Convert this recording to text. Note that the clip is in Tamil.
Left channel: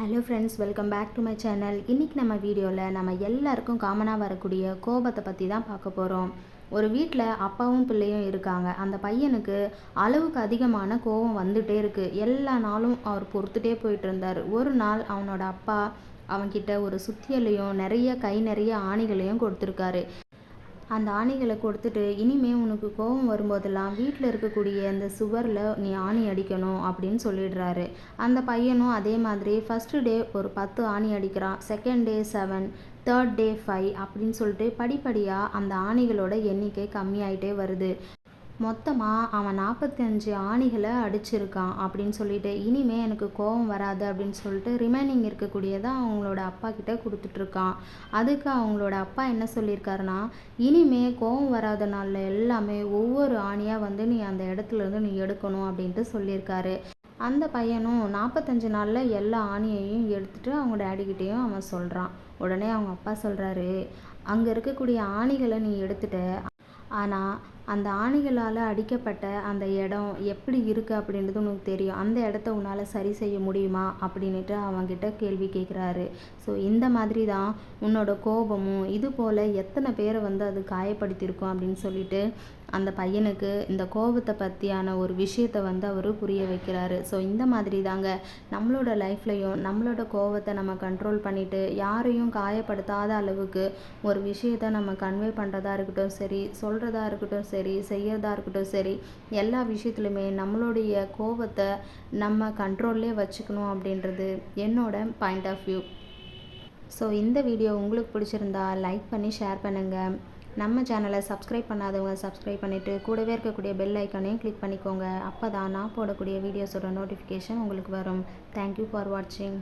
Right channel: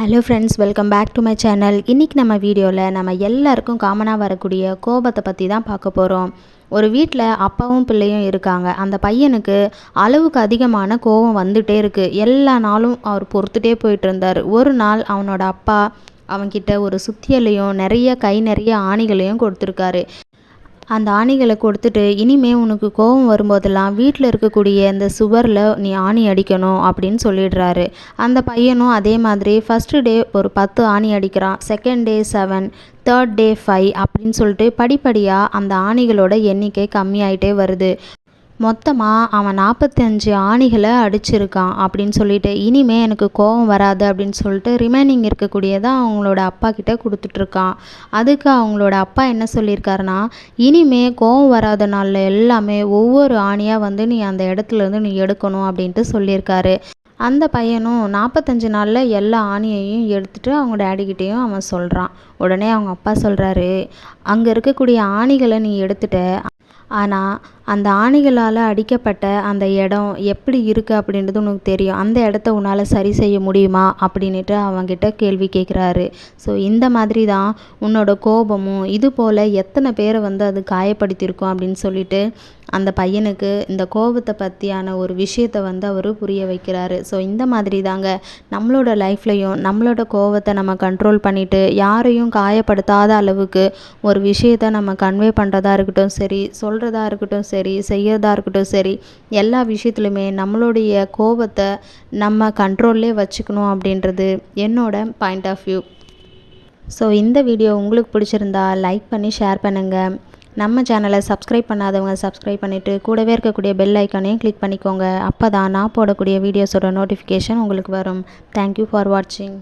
Hello friends, welcome back to my channel. இன்றைக்கி நம்ம வீடியோவில் நம்ம எல்லாருக்கும் காமனாக வரக்கூடிய கோபத்தை பற்றி தான் பார்க்க போகிறோம். ஒரு வீட்டில் அப்பாவும் பிள்ளையும் இருக்காங்க. அந்த பையனுக்கு அளவுக்கு அதிகமான கோபம் வந்துகிட்டே இருக்குது. எல்லா நாளும் அவர் பொறுத்துட்டே போயிட்டு இருந்தார். ஒரு நாள் அவனோட அப்பா அவன்கிட்ட ஒரு சுத்தியலையும் நிறைய கை நிறைய ஆணிகளையும் கொடுத்துருக்காரு. அந்த ஆணிகளை கொடுத்துட்டு, இனிமே உனக்கு கோபம் வரும்போதெல்லாம் வீட்டில் இருக்கக்கூடிய இந்த சுவரில் நீ ஆணி அடிக்கணும் அப்படின்னு சொல்லிடுறாரு. அந்த பையனும் அதே மாதிரி ஃபஸ்ட்டு டே ஒரு 10 ஆணி அடிக்கிறான், செகண்ட் டே 7, தேர்ட் டே 5 அப்படின்னு சொல்லிட்டு படிப்படியாக அந்த ஆணிகளோட எண்ணிக்கை கம்மியாயிட்டே வருது. மொத்தமாக அவன் 45 ஆணிகளை அடிச்சிருக்கான் அப்படின்னு சொல்லிட்டு, இனிமே எனக்கு கோபம் வராது அப்படின்னு சொல்லிட்டு ரிமைனிங் இருக்கக்கூடியதை அவங்களோட அப்பா கிட்ட கொடுத்துட்ருக்கான். அதுக்கு அவங்களோட அப்பா என்ன சொல்லியிருக்காருன்னா, இனிமே கோபம் வராத நாளில் எல்லாமே ஒவ்வொரு ஆணியாக வந்து நீ அந்த இடத்துலேருந்து நீ எடுக்கணும் அப்படின்ட்டு சொல்லியிருக்காரு. அந்த பையனும் 45 நாளில் எல்லா ஆணியையும் எடுத்துகிட்டு அவங்க டேடிக்கிட்டேயும் அவன் சொல்கிறான். உடனே அவங்க அப்பா சொல்கிறாரு, அங்கே இருக்கக்கூடிய ஆணிகளை நீ எடுத்துட்ட, ஆனால் அந்த ஆணிகளால் அடிக்கப்பட்ட அந்த இடம் எப்படி இருக்குது அப்படின்றது உனக்கு தெரியும். அந்த இடத்த உன்னால் சரி செய்ய முடியுமா அப்படின்ட்டு அவங்கிட்ட கேள்வி கேட்குறாரு. ஸோ இந்த மாதிரி தான் உன்னோட கோபமும் இது போல் எத்தனை பேரை வந்து அது காயப்படுத்தியிருக்கும் அப்படின்னு சொல்லிட்டு அந்த பையனுக்கு இந்த கோபத்தை பற்றியான ஒரு விஷயத்தை வந்து அவர் புரிய வைக்கிறாரு. ஸோ இந்த மாதிரி தாங்க நம்மளோட லைஃப்லையும் நம்மளோட கோபத்தை நம்ம கண்ட்ரோல் பண்ணிவிட்டு யாரையும் காயப்படுத்தாத அளவுக்கு ஒரு விஷயத்தை நம்ம கன்வே பண்ணுறதா இருக்கட்டும் சரி, சொல்கிறதா இருக்கட்டும் சரி, செய்யறதா இருக்கட்டும் சரி, எல்லா விஷயத்துலையுமே நம்மளுடைய கோபத்தை நம்ம கண்ட்ரோல்லே வச்சுக்கணும் அப்படின்றது என்னோட பாயிண்ட் ஆஃப் வியூ. ஸோ இந்த வீடியோ உங்களுக்கு பிடிச்சிருந்தா லைக் பண்ணி ஷேர் பண்ணுங்கள். நம்ம சேனலை சப்ஸ்கிரைப் பண்ணாதவங்க சப்ஸ்கிரைப் பண்ணிவிட்டு கூடவே இருக்கக்கூடிய பெல் ஐக்கானையும் கிளிக் பண்ணிக்கோங்க. அப்போ தான் நான் போடக்கூடிய வீடியோஸோட நோட்டிஃபிகேஷன் உங்களுக்கு வரும். தேங்க்யூ ஃபார் வாட்சிங்.